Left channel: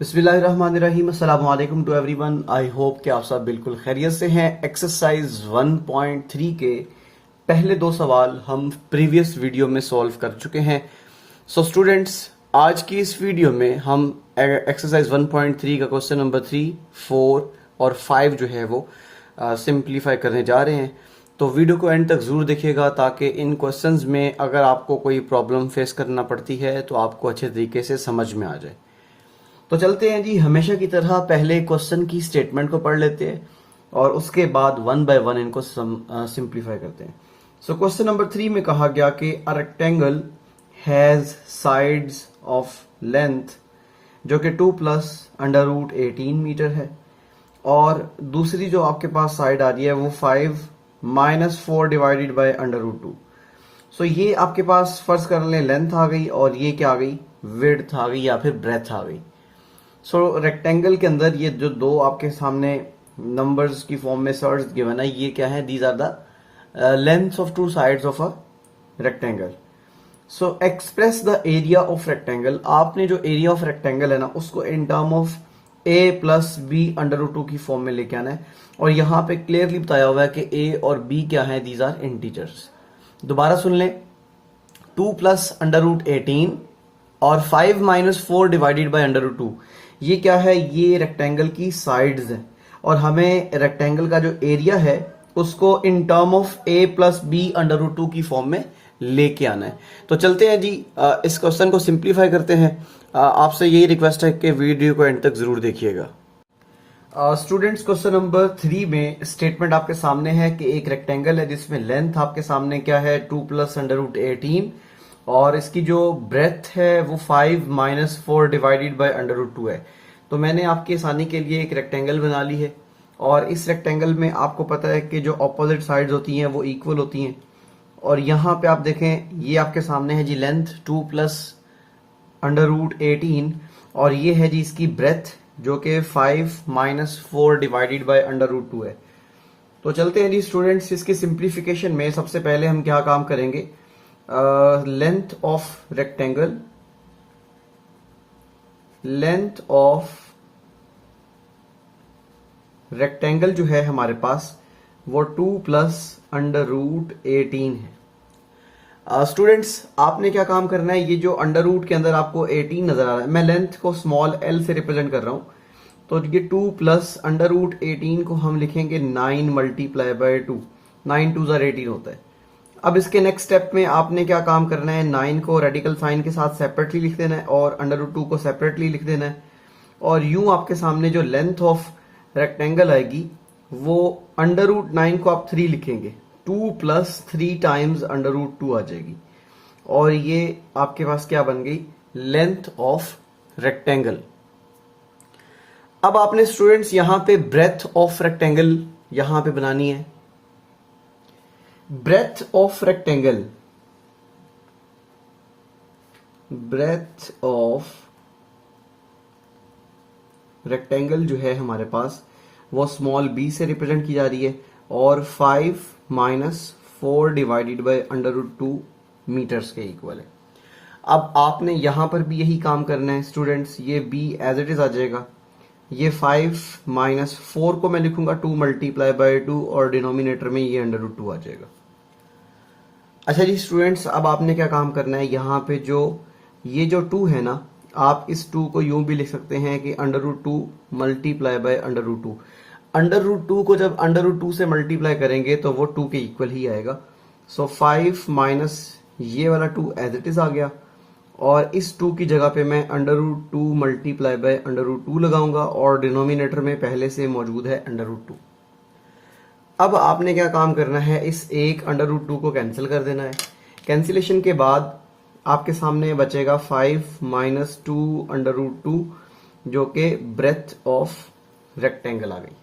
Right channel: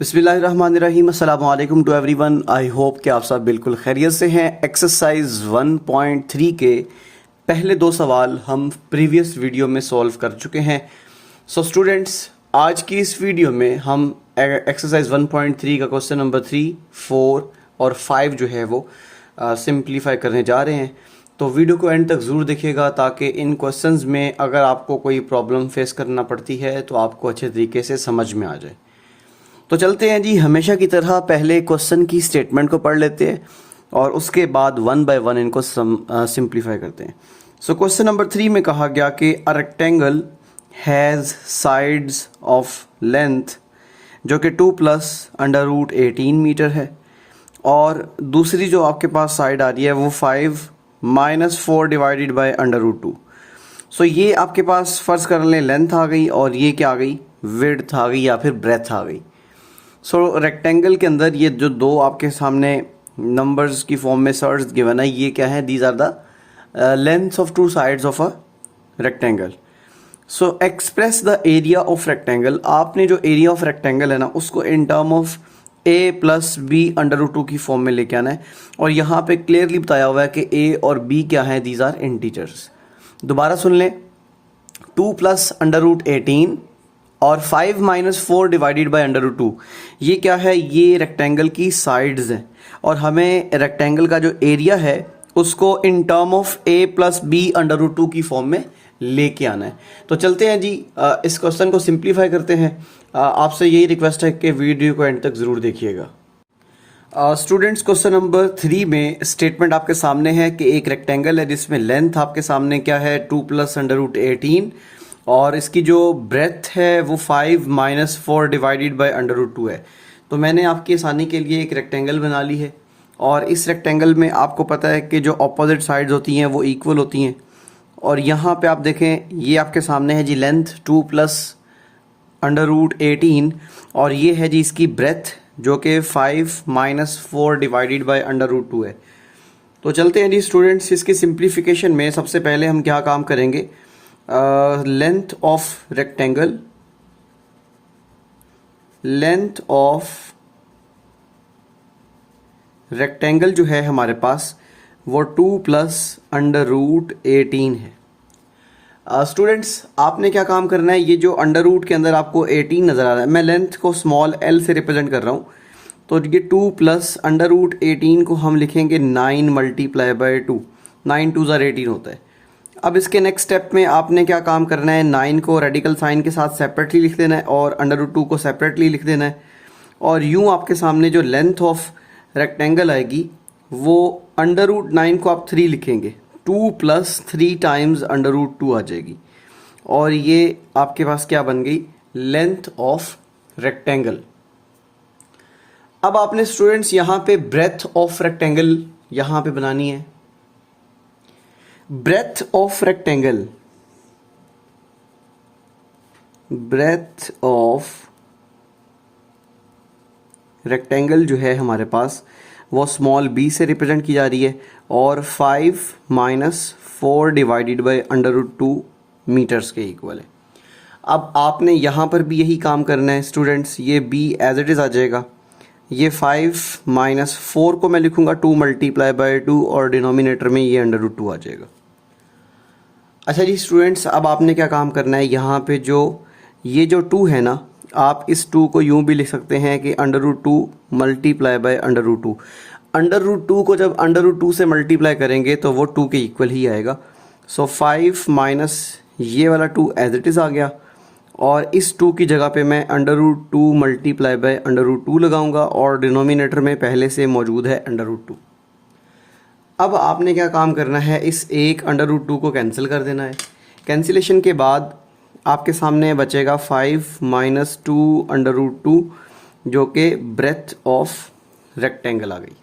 बिस्मिल्लाहिर्रहमानिर्रहीम अस्सलाम वालेकुम टू एवरीवन। आई होप कि आप सब बिल्कुल खैरियत से हैं। एक्सरसाइज 1.3 के पहले दो सवाल हम प्रीवियस वीडियो में सॉल्व कर चुके हैं। सो स्टूडेंट्स, आज की इस वीडियो में हम एक्सरसाइज 1.3 का क्वेश्चन नंबर 3, 4 और 5 जो है वो सिंप्लीफाई करने जा रहे हैं। तो वीडियो को एंड तक ज़रूर देखिएगा ताकि इन क्वेश्चंस में अगर आपको कोई प्रॉब्लम फेस करना पड़ती है तो आपको अच्छे तरीके से समझ में आ जाए। तो चलते हैं जी, हमेशा की तरह पहले क्वेश्चन की स्टेटमेंट को पढ़ लेते हैं और उसके बाद वन बाय वन इनको सिंप्लीफाई करते हैं। सो क्वेश्चन नंबर 3 में कहा गया कि a rectangle has sides of length जो कि 2 प्लस अंडर रूट 18 मीटर है, और दूसरी जो आपके पास साइड आ रही है वो 5 minus 4 divided by under root 2। So ये आपके पास फर्ज कर लें लेंथ आ गई और ये क्या आ गई, विड्थ आ गई या फिर ब्रेथ आ गई। सो रेक्टेंगल के अंदर ये जो दो आपके सामने नंबर्स की फॉर्म में सर्च गिवन है, ये क्या है, these are the lengths of two sides of a rectangle. So express the area of rectangle. आपने जो एरिया ऑफ रेक्टेंगल है ना उसको in term of A plus B under root 2 की फॉर्म में लेके आना है, और यहाँ पे क्लियरली बताया हुआ है कि ए और बी क्या है, दीज आर इंटीजर्स। दोबारा सुन लें, 2 प्लस अंडर रूट 18 और 5 minus 4 divided by under root 2, ये क्या है, ये रेक्टेंगल की साइड्स हैं, और हमें रेक्टेंगल का जो एरिया है उसको in term of A plus B under root 2 की फॉर्म में लेके आना है। तो चलते हैं जी, इस क्वेश्चन को सिंप्लीफाई करते हैं। आपसे यही रिक्वेस्ट है कि वीडियो को एंड तक ज़रूर देखिएगा। स्टूडेंट्स, क्वेश्चन नंबर 3 में स्टेटमेंट आपके सामने है कि एक रेक्टेंगल है जिसमें लेंथ आपके सामने क्या है, 2 प्लस अंडर रूट 18, और इसकी जो ब्रेथ है वो 5 minus 4 divided by under root 2 है। तो मैंने आपकी आसानी के लिए एक रेक्टेंगल बना ली है, और इस रेक्टेंगल में आपको पता है कि जो अपोजिट साइड्स होती हैं वो इक्वल होती हैं। और यहाँ पे आप देखें, ये आपके सामने है जी लेंथ 2 प्लस अंडर रूट 18, और ये है जी इसकी ब्रेथ जो कि 5 minus 4 divided by under root 2 है। तो चलते हैं जी स्टूडेंट्स, इसकी सिंप्लीफिकेशन में सबसे पहले हम क्या काम करेंगे, length of rectangle, length of rectangle जो है हमारे पास वो 2 प्लस अंडर रूट 18 है। स्टूडेंट्स, आपने क्या काम करना है, ये जो अंडर रूट के अंदर आपको 18 नज़र आ रहा है, मैं लेंथ को स्मॉल एल से रिप्रेजेंट कर रहा हूँ। तो ये 2 प्लस अंडर रूट 18 को हम लिखेंगे 9 मल्टीप्लाई बाई 2, 9 2 ज़ा 18 होता है। अब इसके नेक्स्ट स्टेप में आपने क्या काम करना है, 9 को रेडिकल साइन के साथ सेपरेटली लिख देना है और अंडर रूट 2 को सेपरेटली लिख देना है, और यूं आपके सामने जो लेंथ ऑफ रेक्टेंगल आएगी वो अंडर रूट 9 को आप 3 लिखेंगे, 2 प्लस 3 टाइम्स अंडर रूट 2 आ जाएगी, और ये आपके पास क्या बन गई, लेंथ ऑफ रेक्टेंगल। अब आपने स्टूडेंट्स यहाँ पे ब्रेथ ऑफ रेक्टेंगल यहाँ पे बनानी है। Breadth of rectangle, breadth of rectangle जो है हमारे पास वो स्मॉल b से रिप्रेजेंट की जा रही है, और 5 minus 4 divided by under root 2 metres के इक्वल है। अब आपने यहाँ पर भी यही काम करना है स्टूडेंट्स, ये b एज इट इज़ आ जाएगा, ये 5 माइनस 4 को मैं लिखूंगा 2 मल्टीप्लाई बाई 2, और डिनोमिनेटर में ये अंडर रूट 2 आ जाएगा। अच्छा जी स्टूडेंट्स, अब आपने क्या काम करना है, यहाँ पे जो ये जो 2 है ना, आप इस 2 को यूं भी लिख सकते हैं कि under root 2 multiply by under root 2। Under root 2 को जब अंडर रूट 2 से मल्टीप्लाई करेंगे तो वो 2 के इक्वल ही आएगा। सो 5 माइनस ये वाला 2 एज इट इज़ आ गया, और इस 2 की जगह पे मैं under root 2 multiply by under root 2 लगाऊंगा, और डिनोमिनेटर में पहले से मौजूद है अंडर रूट 2। अब आपने क्या काम करना है, इस एक अंडर रूट 2 को कैंसिल कर देना है। कैंसिलेशन के बाद आपके सामने बचेगा 5 माइनस 2 अंडर रूट 2 जो कि ब्रेथ ऑफ रेक्टेंगल आ गई।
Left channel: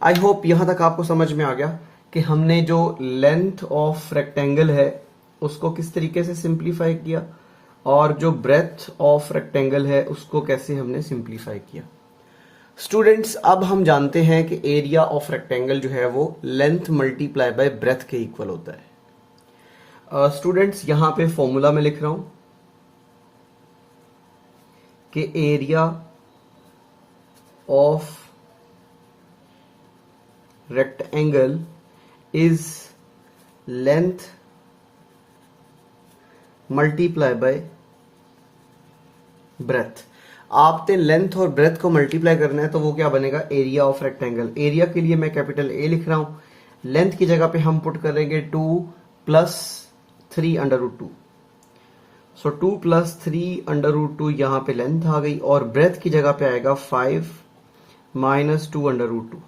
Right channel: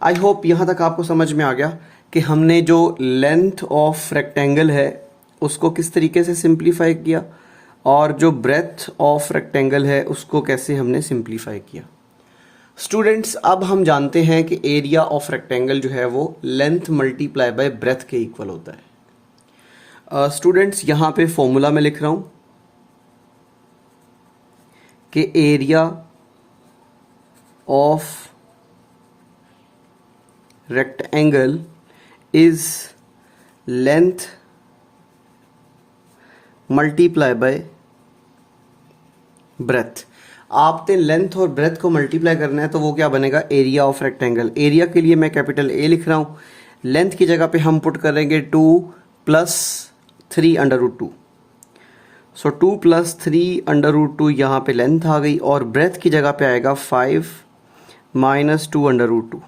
आई होप यहाँ तक आपको समझ में आ गया कि हमने जो लेंथ ऑफ रेक्टेंगल है उसको किस तरीके से सिंप्लीफाई किया, और जो ब्रेथ ऑफ रेक्टेंगल है उसको कैसे हमने सिंप्लीफाई किया। स्टूडेंट्स, अब हम जानते हैं कि एरिया ऑफ रेक्टेंगल जो है वो लेंथ मल्टीप्लाई बाय ब्रेथ के इक्वल होता है। स्टूडेंट्स, यहाँ पे फॉर्मूला में लिख रहा हूँ कि area of rectangle is length multiply by breath. आपने लेंथ और ब्रेथ को मल्टीप्लाई करना है तो वो क्या बनेगा, एरिया ऑफ रेक्टेंगल। एरिया के लिए मैं कैपिटल ए लिख रहा हूं, लेंथ की जगह पे हम पुट करेंगे 2 + 3 √2। सो 2 + 3 √2 यहाँ पे लेंथ आ गई, और ब्रेथ की जगह पे आएगा 5 - 2 √2।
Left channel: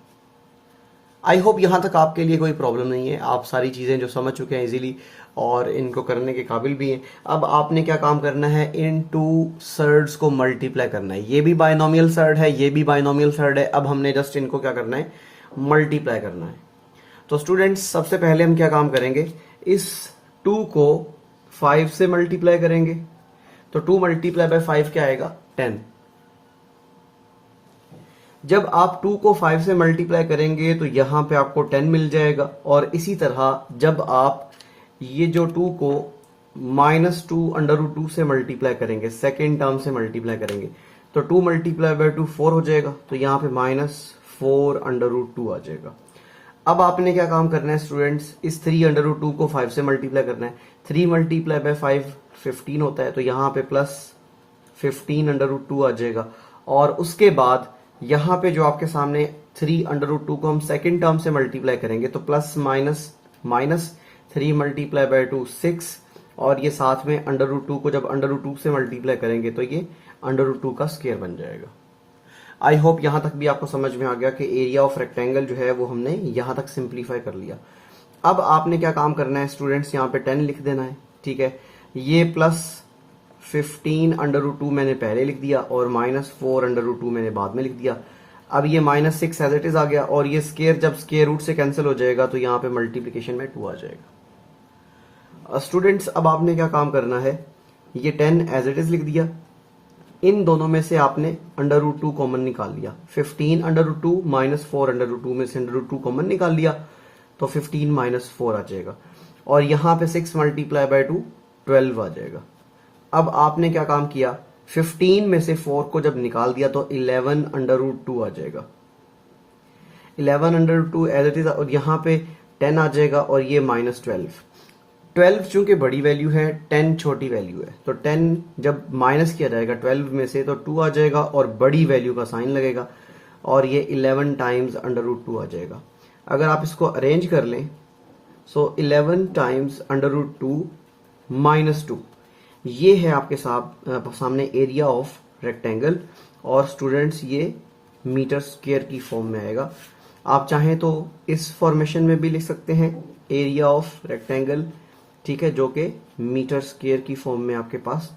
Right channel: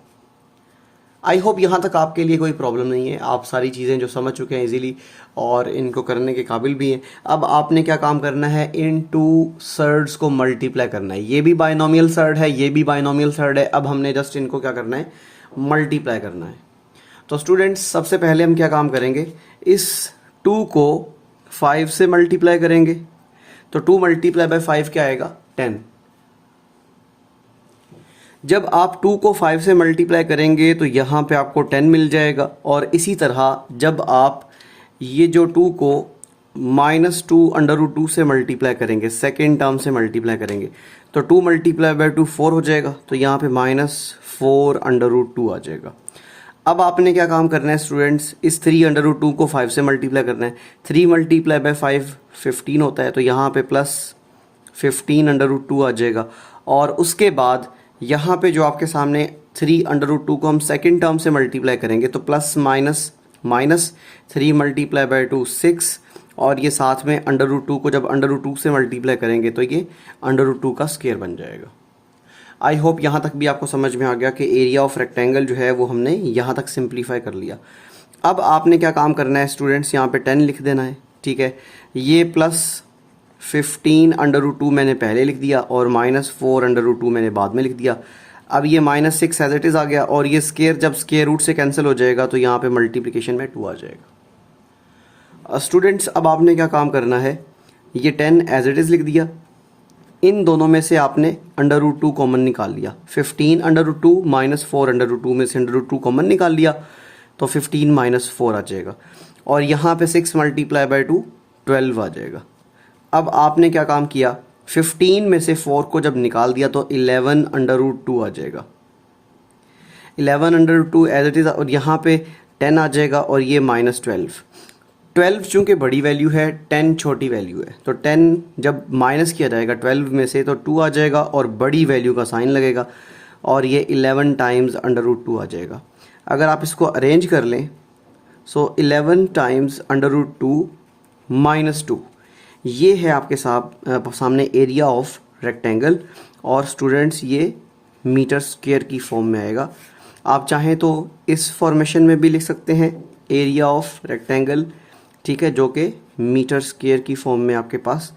आई होप यहाँ तक आपके लिए कोई प्रॉब्लम नहीं है, आप सारी चीज़ें जो समझ चुके हैं इजीली और इनको करने के काबिल भी हैं। अब आपने क्या काम करना है, इन टू सर्ड्स को मल्टीप्लाई करना है। ये भी बाइनोमियल सर्ड है, ये भी बाइनोमियल सर्ड है। अब हमने जस्ट इनको क्या करना है, मल्टीप्लाई करना है। तो स्टूडेंट्स सबसे पहले हम क्या काम करेंगे, इस 2 को 5 से मल्टीप्लाई करेंगे। तो 2 × 5 क्या आएगा, 10। जब आप 2 को 5 से मल्टीप्लाई करेंगे तो यहाँ पे आपको 10 मिल जाएगा। और इसी तरह जब आप ये जो 2 को -2 √2 से मल्टीप्लाई करेंगे, सेकेंड टर्म से मल्टीप्लाई करेंगे, तो 2 × 2 4 हो जाएगा। तो यहाँ पे -4 √2 आ जाएगा। अब आपने क्या काम करना है स्टूडेंट्स, इस 3 √2 को 5 से मल्टीप्लाई करना है। 3 × 5 15 होता है, तो यहाँ पे +15 √2 आ जाएगा। और उसके बाद यहाँ पे जो आपके सामने 3 √2 को हम सेकेंड टर्म से मल्टीप्लाई करेंगे, तो प्लस माइनस 3 × 2 6, और ये साथ में √2 को जब √2 से मल्टीप्लाई करेंगे तो ये √2 का स्क्वायर बन जाएगा। आई होप यहाँ तक भी आपको समझ में आ गया कि एरिया ऑफ रेक्टेंगल जो है वो हमने यहाँ तक सिंप्लीफाई कर लिया। अब आपने क्या काम करना है स्टूडेंट्स, यहाँ पे 10 लिख देना है, ठीक है। ये +15 √2 मैंने पहले लिख दिया और -4 √2 मैंने बाद में लिख दिया। अब ये -6 एज इट इज़ आ गया, और ये स्क्वायर जब स्क्वायर रूट से कैंसिल हो जाएगा तो यहाँ पे मल्टीप्लिकेशन में 2 आ जाएगा। स्टूडेंट्स अब आपने क्या काम करना है, ये 10 एज इट इज़ लिख दिया। इन दोनों में से आपने √2 कॉमन निकाल लिया। 15 √2 -4 √2 में से √2 कॉमन निकाल लिया, तो 15 - 4 आ जाएगा। और यहाँ पे 6 × 2 12 आ जाएगा। अब आपने क्या काम किया, 15 में से 4 को जब निकाल दिया तो 11 √2 आ जाएगा। 11 √2 एज इट इज़, और यहाँ पे 10 आ जाएगा, और ये -12। 12 चूंकि बड़ी वैल्यू है, 10 छोटी वैल्यू है, तो 10 जब माइनस किया जाएगा 12 में से तो 2 आ जाएगा और बड़ी वैल्यू का साइन लगेगा, और ये 11 टाइम्स √2 आ जाएगा। अगर आप इसको अरेंज कर लें, सो 11 टाइम्स √2 -2, ये है आपके सामने एरिया ऑफ रेक्टेंगल। और स्टूडेंट्स ये मीटर स्क्वायर की फॉर्म में आएगा। आप चाहें तो इस फॉर्मेशन में भी लिख सकते हैं, एरिया ऑफ रेक्टेंगल, ठीक है, जो कि मीटर स्क्वायर की फॉर्म में आपके पास,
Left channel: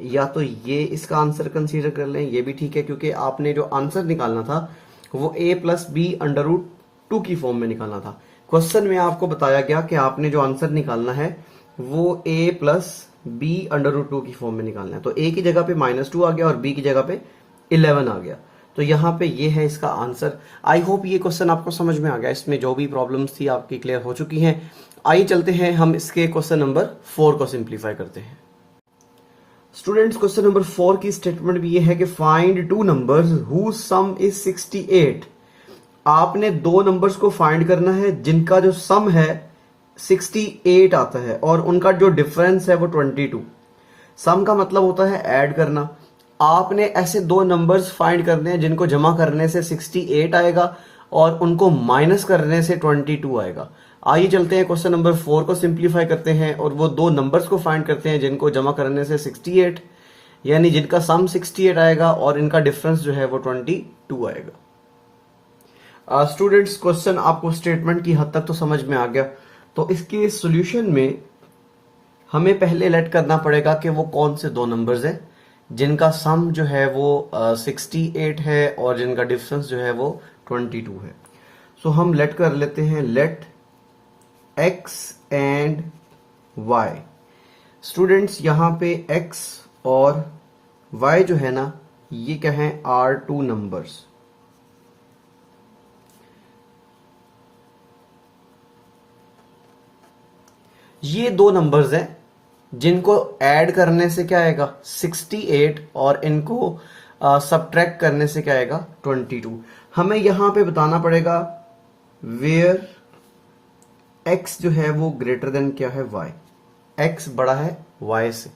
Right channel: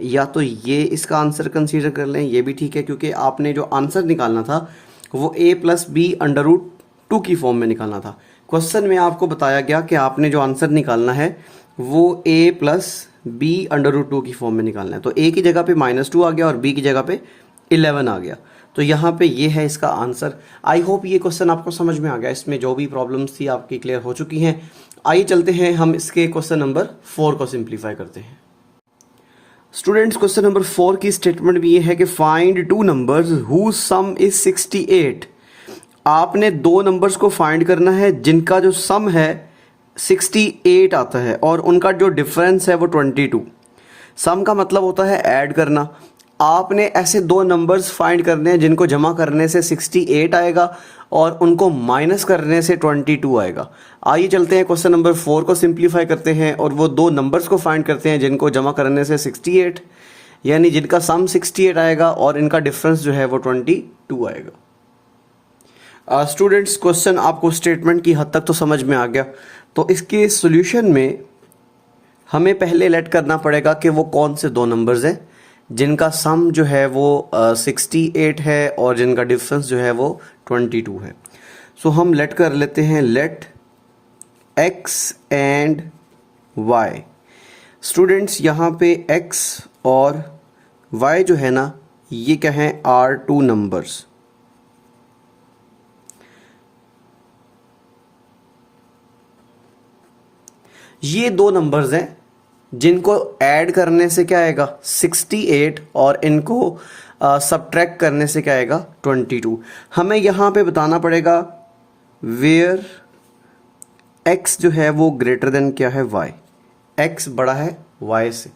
या तो ये इसका आंसर कंसीडर कर लें, ये भी ठीक है, क्योंकि आपने जो आंसर निकालना था वो a + b √2 की फॉर्म में निकालना था। क्वेश्चन में आपको बताया गया कि आपने जो आंसर निकालना है वो a + b √2 की फॉर्म में निकालना है। तो a की जगह पे -2 आ गया और b की जगह पे 11 आ गया, तो यहाँ पे ये है इसका आंसर। आई होप ये क्वेश्चन आपको समझ में आ गया, इसमें जो भी प्रॉब्लम्स थी आपकी क्लियर हो चुकी हैं। आइए चलते हैं हम इसके क्वेश्चन नंबर 4 को सिंप्लीफाई करते हैं। स्टूडेंट्स क्वेश्चन नंबर 4 की स्टेटमेंट भी ये है कि find 2 numbers whose sum is 68। आपने 2 नंबर्स को फाइंड करना है जिनका जो सम है 68 आता है और उनका जो डिफरेंस है वो 22। सम का मतलब होता है ऐड करना। आपने ऐसे 2 नंबर्स फाइंड करने हैं जिनको जमा करने से 68 आएगा और उनको माइनस करने से 22 आएगा। आइए चलते हैं क्वेश्चन नंबर 4 को सिंप्लीफाई करते हैं और वो 2 नंबर्स को फाइंड करते हैं जिनको जमा करने से 68, यानी जिनका सम 68 आएगा और इनका डिफरेंस जो है वो 22 आएगा। स्टूडेंट्स क्वेश्चन आपको स्टेटमेंट की हद तक तो समझ में आ गया, तो इसके सॉल्यूशन में हमें पहले लेट करना पड़ेगा कि वो कौन से 2 नंबर्स हैं जिनका सम जो है वो 68 है और जिनका डिफरेंस जो है वो 22 है। सो हम लेट कर लेते हैं, let x and y। Students यहाँ पे x और y जो है ना, ये क्या है, आर 2 नंबर्स। ये 2 नंबर्स हैं जिनको ऐड करने से क्या आएगा 68 और इनको सबट्रैक्ट करने से क्या आएगा 22। हमें यहाँ पे बताना पड़ेगा वेयर x जो है वो ग्रेटर देन क्या है y, x बड़ा है y से।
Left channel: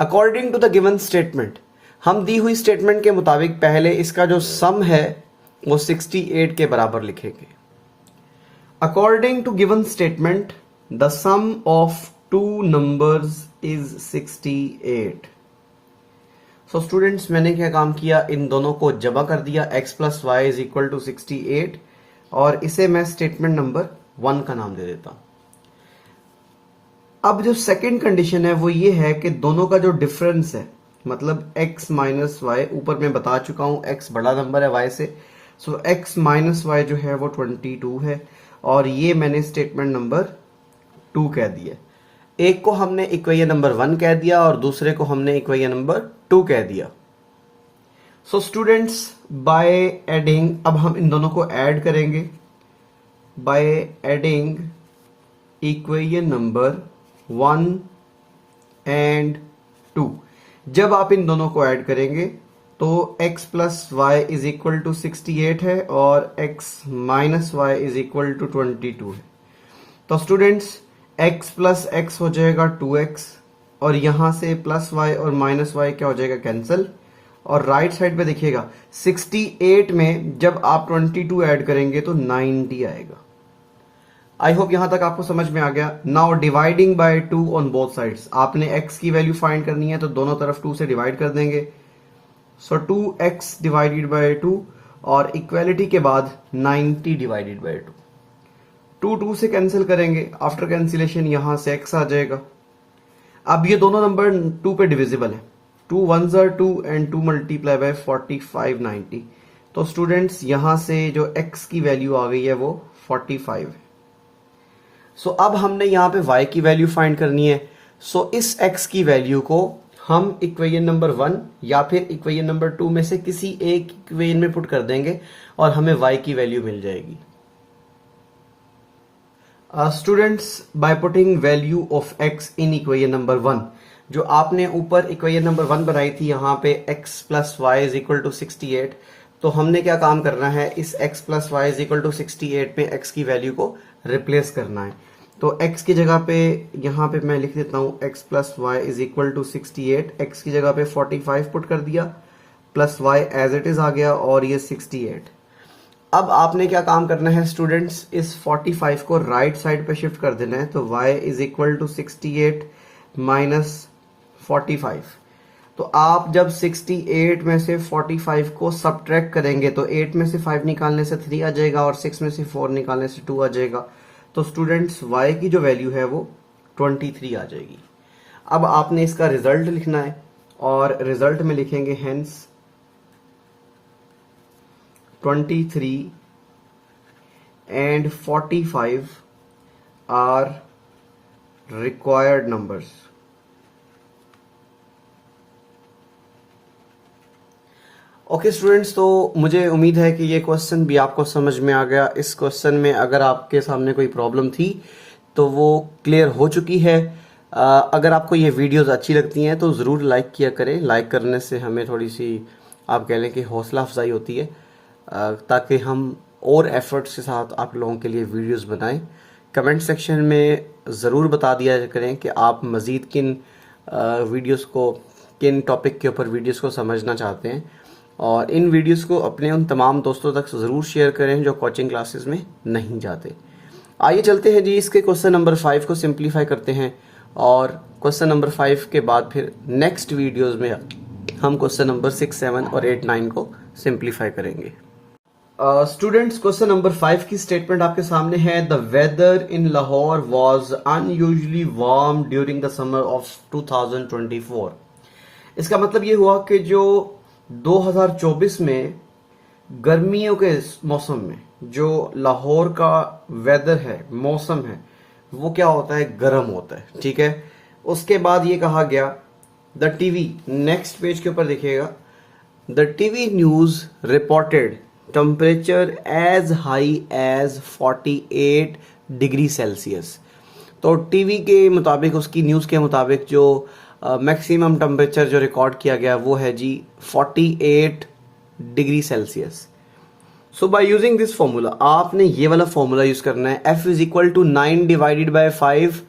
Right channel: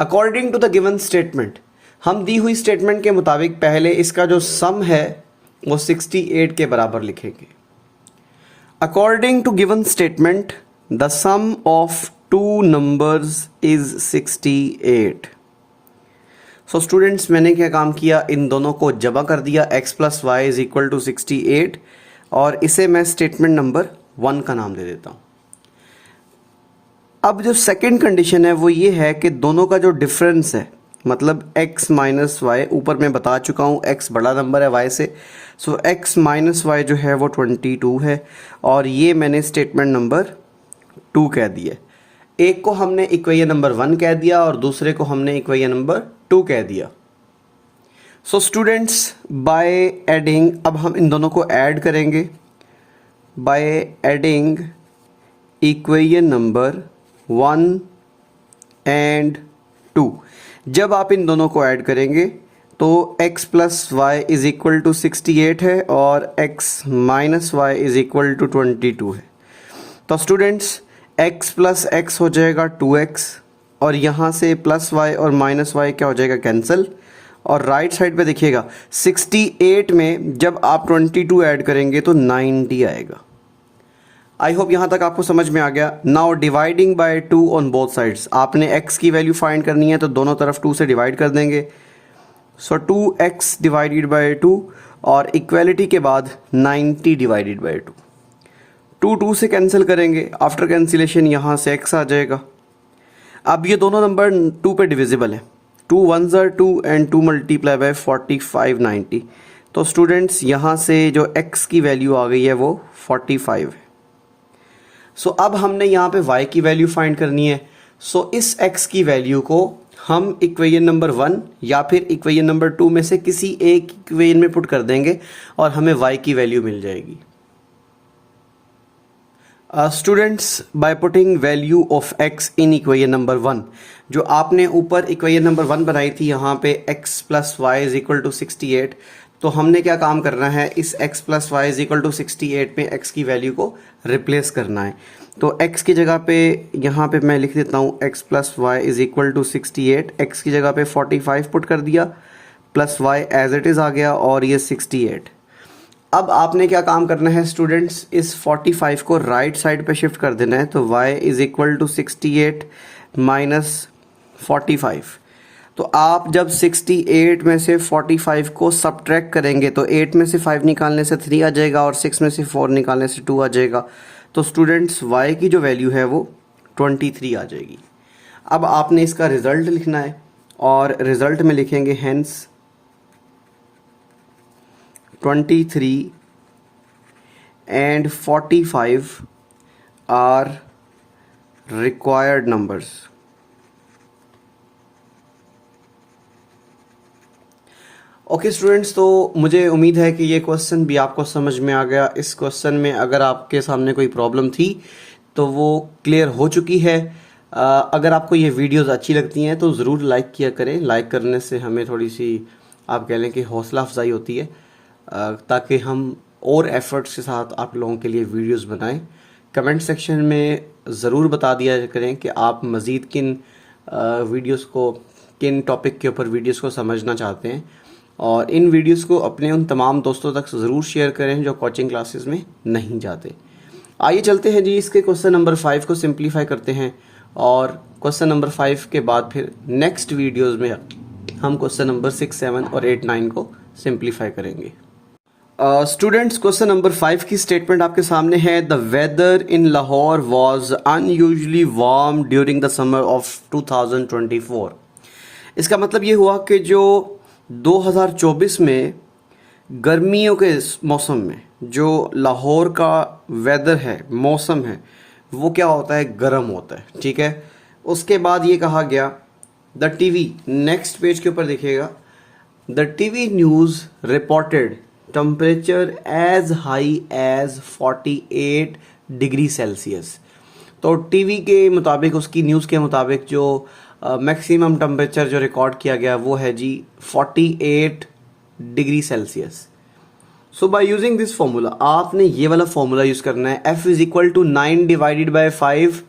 According to the given statement, हम दी हुई स्टेटमेंट के मुताबिक पहले इसका जो सम है वो 68 के बराबर लिखेंगे। According to given statement the sum of two numbers is 68। So students, मैंने क्या काम किया, इन दोनों को जमा कर दिया, x plus Y is equal to 68, और इसे मैं स्टेटमेंट नंबर 1 का नाम दे देता हूं। अब जो सेकंड कंडीशन है वो ये है कि दोनों का जो डिफरेंस है, मतलब x माइनस वाई, ऊपर मैं बता चुका हूं x बड़ा नंबर है y से, सो x माइनस वाई जो है वो 22 है, और ये मैंने स्टेटमेंट नंबर 2 कह दिया। एक को हमने इक्वेशन नंबर 1 कह दिया और दूसरे को हमने इक्वेशन नंबर 2 कह दिया। सो स्टूडेंट्स, बाय एडिंग, अब हम इन दोनों को ऐड करेंगे by adding equation number 1 and 2। जब आप इन दोनों को ऐड करेंगे तो x plus Y is equal to 68 है और x minus Y is equal to 22 है। तो स्टूडेंट्स, x प्लस x हो जाएगा 2x, और यहाँ से प्लस y और माइनस y क्या हो जाएगा, कैंसिल। और राइट साइड पे देखिएगा 68 में जब आप 22 ऐड करेंगे तो 90 आएगा। आई होप यहाँ तक आपको समझ में आ गया। Now dividing by 2 on both sides, आपने x की वैल्यू फाइंड करनी है तो दोनों तरफ 2 से डिवाइड कर देंगे। सो 2x डिवाइडेड बाय 2, और इक्वेलिटी के बाद 90 डिवाइडेड बाय 2। 2 से कैंसिल करेंगे, आफ्टर कैंसिलेशन यहाँ से x आ जाएगा। अब ये दोनों नंबर 2 पे डिविजिबल है, 2 1s are 2 and 2 multiply bye 45 90। तो स्टूडेंट्स, यहाँ से जो x की वैल्यू आ गई है वो 45 है। सो अब हमने यहाँ पे y की वैल्यू फाइंड करनी है। सो इस x की वैल्यू को हम इक्वेशन नंबर 1 या फिर इक्वेशन नंबर 2 में से किसी एक इक्वेशन में पुट कर देंगे और हमें y की वैल्यू मिल जाएगी। Students, bye putting value of x in equation number 1, जो आपने ऊपर इक्वेशन नंबर 1 बनाई थी यहाँ पे x plus Y is equal to 68, तो हमने क्या काम करना है, इस x plus Y is equal to 68 में x की वैल्यू को रिप्लेस करना है। तो x की जगह पे यहाँ पे मैं लिख देता हूँ x plus Y is equal to 68, x की जगह पे 45 पुट कर दिया, plus y as it is आ गया, और ये 68। अब आपने क्या काम करना है स्टूडेंट्स, इस 45 को राइट साइड पे शिफ्ट कर देना है। तो y is equal to 68 minus 45। तो आप जब 68 में से 45 को सबट्रैक्ट करेंगे तो 8 में से 5 निकालने से 3 आ जाएगा और 6 में से 4 निकालने से 2 आ जाएगा। तो स्टूडेंट्स, y की जो वैल्यू है वो 23 आ जाएगी। अब आपने इसका रिजल्ट लिखना है और रिजल्ट में लिखेंगे hence 23 and 45 are required numbers। Okay students, तो मुझे उम्मीद है कि ये क्वेश्चन भी आपको समझ में आ गया। इस क्वेश्चन में अगर आपके सामने कोई प्रॉब्लम थी तो वो क्लियर हो चुकी है। अगर आपको ये वीडियोस अच्छी लगती हैं तो ज़रूर लाइक किया करें। लाइक करने से हमें थोड़ी सी, आप कह लें कि हौसला अफजाई होती है, ताकि हम और एफर्ट्स के साथ आप लोगों के लिए वीडियोस बनाएं। कमेंट सेक्शन में ज़रूर बता दिया करें कि आप मज़ीद किन वीडियोस को, किन टॉपिक के ऊपर वीडियोस को समझना चाहते हैं, और इन वीडियोस को अपने उन तमाम दोस्तों तक ज़रूर शेयर करें जो कोचिंग क्लासेस में नहीं जाते। आइए चलते हैं जी, इसके क्वेश्चन नंबर 5 को सिंप्लीफाई करते हैं, और क्वेश्चन नंबर 5 के बाद फिर नेक्स्ट वीडियोज़ में हम क्वेश्चन नंबर 6, 7 और 8, 9 को सिंप्लीफाई करेंगे। स्टूडेंट्स, क्वेश्चन नंबर 5 की स्टेटमेंट आपके सामने है। The weather in Lahore was unusually warm during the summer of 2024। इसका मतलब ये हुआ कि जो 2024 में गर्मियों के मौसम में जो लाहौर का वेदर है, मौसम है, वो क्या होता है, गर्म होता है। ठीक है, उसके बाद ये कहा गया द टीवी, नेक्स्ट पेज के ऊपर देखिएगा, the TV news reported temperature as high as 48 degree Celsius. तो टीवी के मुताबिक, उसकी न्यूज़ के मुताबिक जो मैक्सिमम टेम्परेचर जो रिकॉर्ड किया गया वो है जी 48 degree Celsius. So by using this formula आपने ये वाला फॉर्मूला यूज करना है, F is equal to 9 divided by 5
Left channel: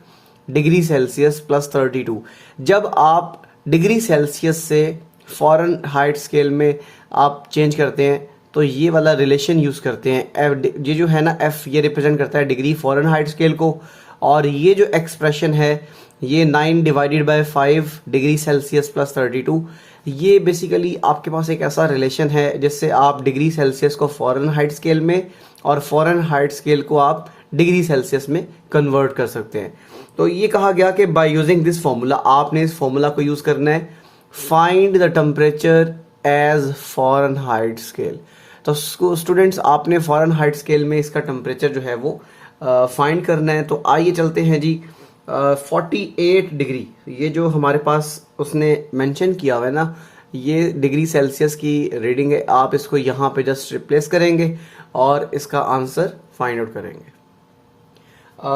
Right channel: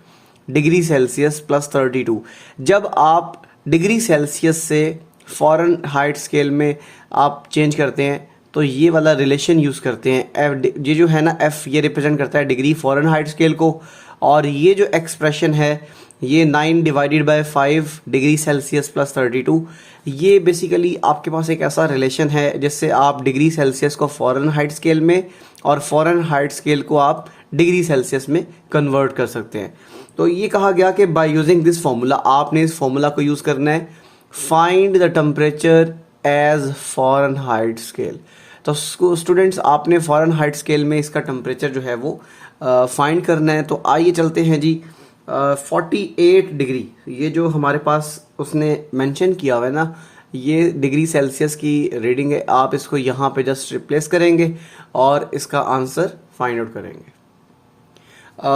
degree Celsius plus 32। जब आप डिग्री सेल्सियस से फ़ारेनहाइट स्केल में आप चेंज करते हैं तो ये वाला रिलेशन यूज़ करते हैं। F ये जो है ना, F ये रिप्रेजेंट करता है डिग्री फ़ारेनहाइट स्केल को, और ये जो एक्सप्रेशन है ये 9 divided by 5 degree Celsius plus 32, ये बेसिकली आपके पास एक ऐसा रिलेशन है जिससे आप डिग्री सेल्सियस को फ़ारेनहाइट स्केल में और फ़ारेनहाइट स्केल को आप डिग्री सेल्सियस में कन्वर्ट कर सकते हैं। तो ये कहा गया कि बाय यूजिंग दिस फॉर्मूला आपने इस फॉर्मूला को यूज़ करना है, find the temperature as Fahrenheit scale. तो स्टूडेंट्स आपने फ़ारेनहाइट स्केल में इसका टेम्परेचर जो है वो फाइंड करना है। तो आइए चलते हैं जी 48 डिग्री, ये जो हमारे पास उसने मेंशन किया हुआ है ना, ये डिग्री सेल्सियस की रीडिंग है। आप इसको यहाँ पे जस्ट रिप्लेस करेंगे और इसका आंसर फाइंड आउट करेंगे।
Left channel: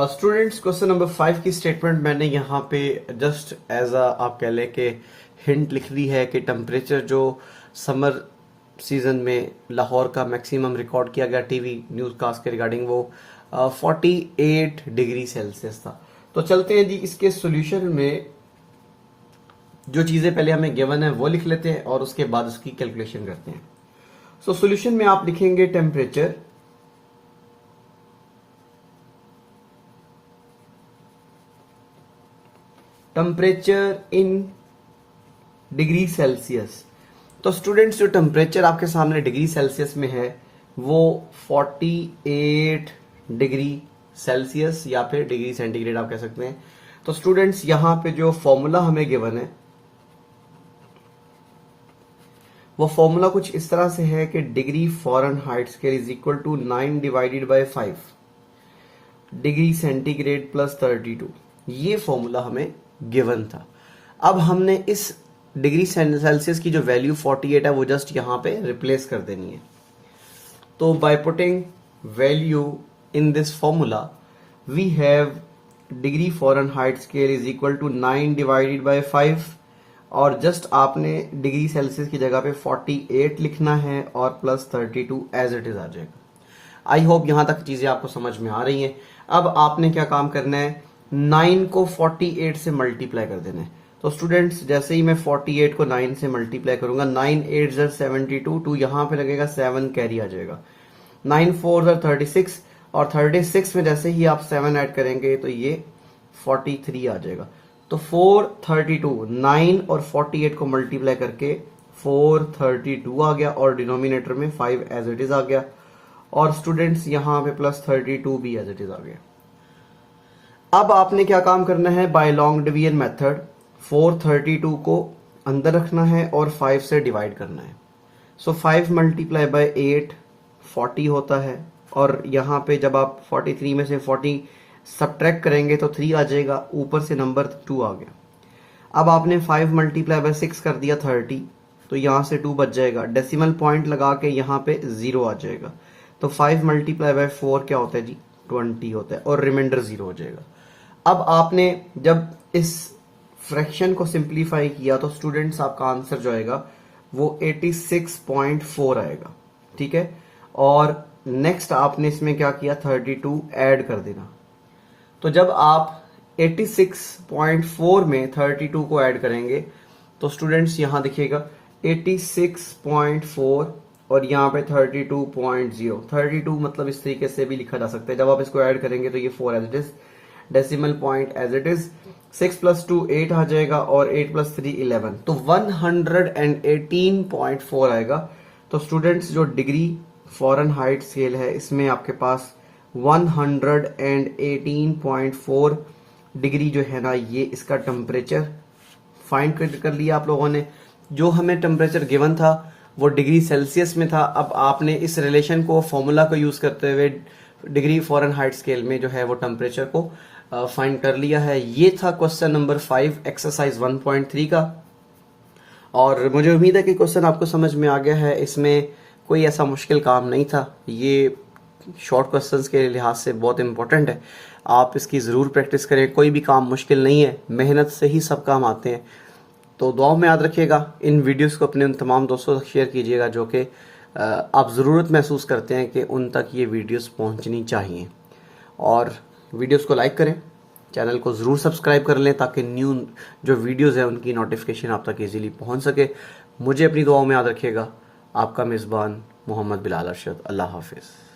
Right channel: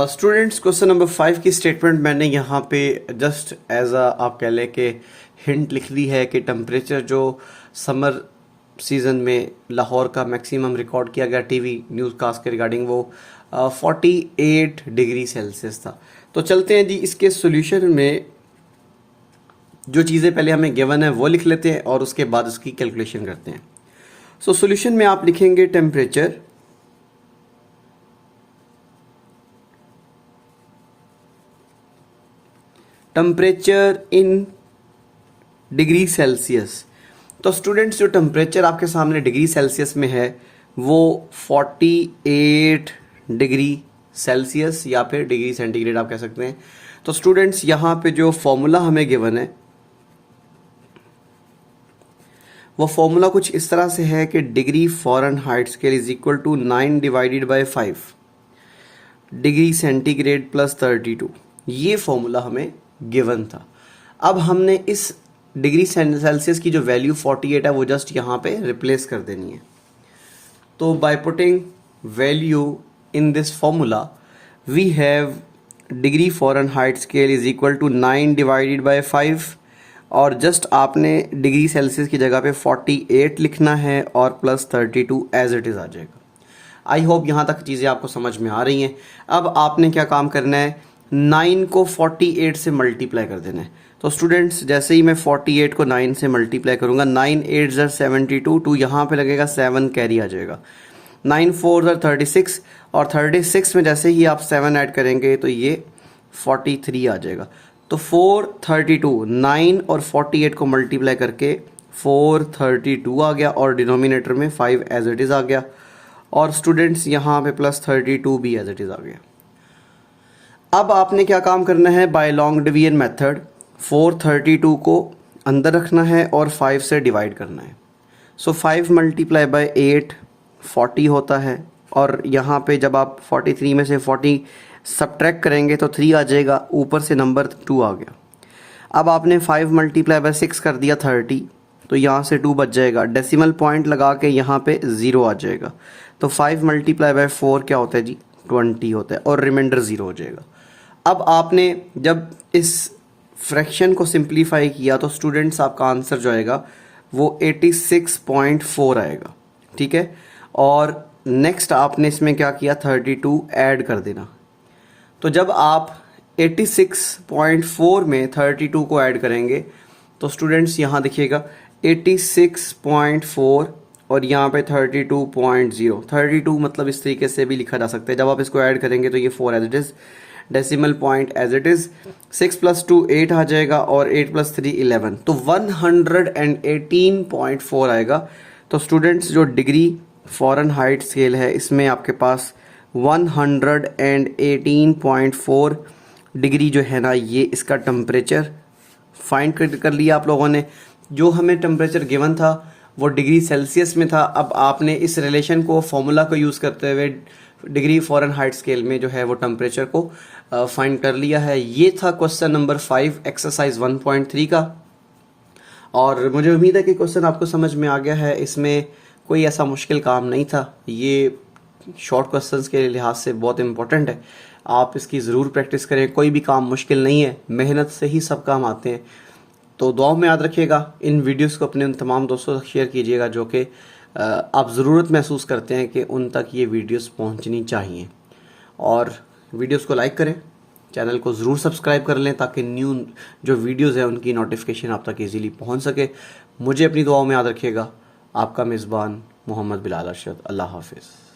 स्टूडेंट्स क्वेश्चन नंबर 5 की स्टेटमेंट मैंने यहाँ पे जस्ट एज अ आप कह लें कि हिंट लिख दी है कि टेम्परेचर जो समर सीज़न में लाहौर का मैक्सिमम रिकॉर्ड किया गया टीवी न्यूज़ कास्ट के रिगार्डिंग वो 48 डिग्री सेल्सियस था। तो चलते हैं जी इसके सॉल्यूशन में, जो चीज़ें पहले हमें गिवन है वो लिख लेते हैं और उसके बाद उसकी कैलकुलेशन करते हैं। सो सॉल्यूशन में आप लिखेंगे टेम्परेचर इन डिग्री सेल्सियस। तो स्टूडेंट्स जो टेम्परेचर आपके सामने डिग्री सेल्सियस में है वो 48 डिग्री सेल्सियस या फिर डिग्री सेंटीग्रेड आप कह सकते हैं। तो स्टूडेंट्स यहाँ पे जो फॉर्मूला हमें गिवन है वो फॉर्मूला कुछ इस तरह से है कि degree Fahrenheit scale is equal to 9 divided by 5 degree centigrade plus 32। ये फॉर्मूला हमें गिवन था। अब हमने इस डिग्री सेल्सियस की जो वैल्यू 48 है वो जस्ट यहाँ पे रिप्लेस कर देनी है। तो by putting value in this formula we have degree Fahrenheit scale is equal to 9 divided by 5 और जस्ट आपने डिग्री सेल्सियस की जगह पे 48 लिखना है और प्लस 32 एज इट इज़ आ जाएगा। आई होप यहाँ तक चीज़ें आपको समझ में आ रही हैं। अब आपने क्या काम करना है, 9 को 48 से मल्टीप्लाई कर देना है। तो स्टूडेंट्स जैसे ही मैं 48 को 9 से मल्टीप्लाई करूँगा, 9 8 ज़र 72, 2 यहाँ पे लगेगा, 7 कैरी आ जाएगा, 9 4 ज़र 36 और 36 में जैसे ही आप 7 ऐड करेंगे तो ये 43 आ जाएगा। तो 432, 9 और 48 को मल्टीप्लाई करके 432 आ गया और डिनोमिनेटर में 5 एज इट इज़ आ गया और स्टूडेंट्स यहाँ पे प्लस 32 भी एज इट इज़ आ गया। अब आपने क्या काम करना है, बाय लॉन्ग डिवीजन मेथड 432 को अंदर रखना है और 5 से डिवाइड करना है। सो 5 मल्टीप्लाई बाय 8 40 होता है और यहाँ पे जब आप 43 में से 40 सब्ट्रैक्ट करेंगे तो 3 आ जाएगा, ऊपर से नंबर 2 आ गया। अब आपने 5 मल्टीप्लाई बाय 6 कर दिया 30, तो यहाँ से 2 बच जाएगा, डेसिमल पॉइंट लगा के यहाँ पे 0 आ जाएगा। तो 5 मल्टीप्लाई बाय 4 क्या होता है जी, 20 होता है और रिमाइंडर 0 हो जाएगा। अब आपने जब इस फ्रैक्शन को सिंप्लीफाई किया तो स्टूडेंट्स आपका आंसर जो आएगा वो 86.4 आएगा, ठीक है। और नेक्स्ट आपने इसमें क्या किया, 32 ऐड कर देना। तो जब आप 86.4 में 32 को ऐड करेंगे तो स्टूडेंट्स यहाँ देखिएगा 86.4 और यहाँ पे 32.0, 32 मतलब इस तरीके से भी लिखा जा सकता है। जब आप इसको ऐड करेंगे तो ये 4 as it is, decimal point as it is, 6 + 2 8 आ जाएगा और 8 + 3 11, तो 118.4 आएगा। तो स्टूडेंट्स जो डिग्री फ़ारेनहाइट स्केल है इसमें आपके पास 118.4 डिग्री जो है ना, ये इसका टेम्परेचर फाइंड कर लिया आप लोगों ने। जो हमें टेम्परेचर गिवन था वो डिग्री सेल्सियस में था। अब आपने इस रिलेशन को, फॉर्मूला को यूज़ करते हुए डिग्री फ़ारेनहाइट स्केल में जो है वो टेम्परेचर को फाइंड कर लिया है। ये था क्वेश्चन नंबर 5 एक्सरसाइज 1.3 का और मुझे उम्मीद है कि क्वेश्चन आपको समझ में आ गया है। इसमें कोई ऐसा मुश्किल काम नहीं था। ये शॉर्ट क्वेश्चंस के लिहाज से बहुत इंपॉर्टेंट है, आप इसकी ज़रूर प्रैक्टिस करें। कोई भी काम मुश्किल नहीं है, मेहनत से ही सब काम आते हैं। तो दुआओं में याद रखिएगा। इन वीडियोस को अपने उन तमाम दोस्तों तक शेयर कीजिएगा जो कि आप ज़रूरत महसूस करते हैं कि उन तक ये वीडियोस पहुंचनी चाहिए। और वीडियोस को लाइक करें, चैनल को ज़रूर सब्सक्राइब कर लें ताकि न्यू जो वीडियोस हैं उनकी नोटिफिकेशन आप तक इजीली पहुंच सके। मुझे अपनी दुआओं में याद रखिएगा। आपका मेज़बान मोहम्मद बिलाल अरशद। अल्लाह हाफिज़।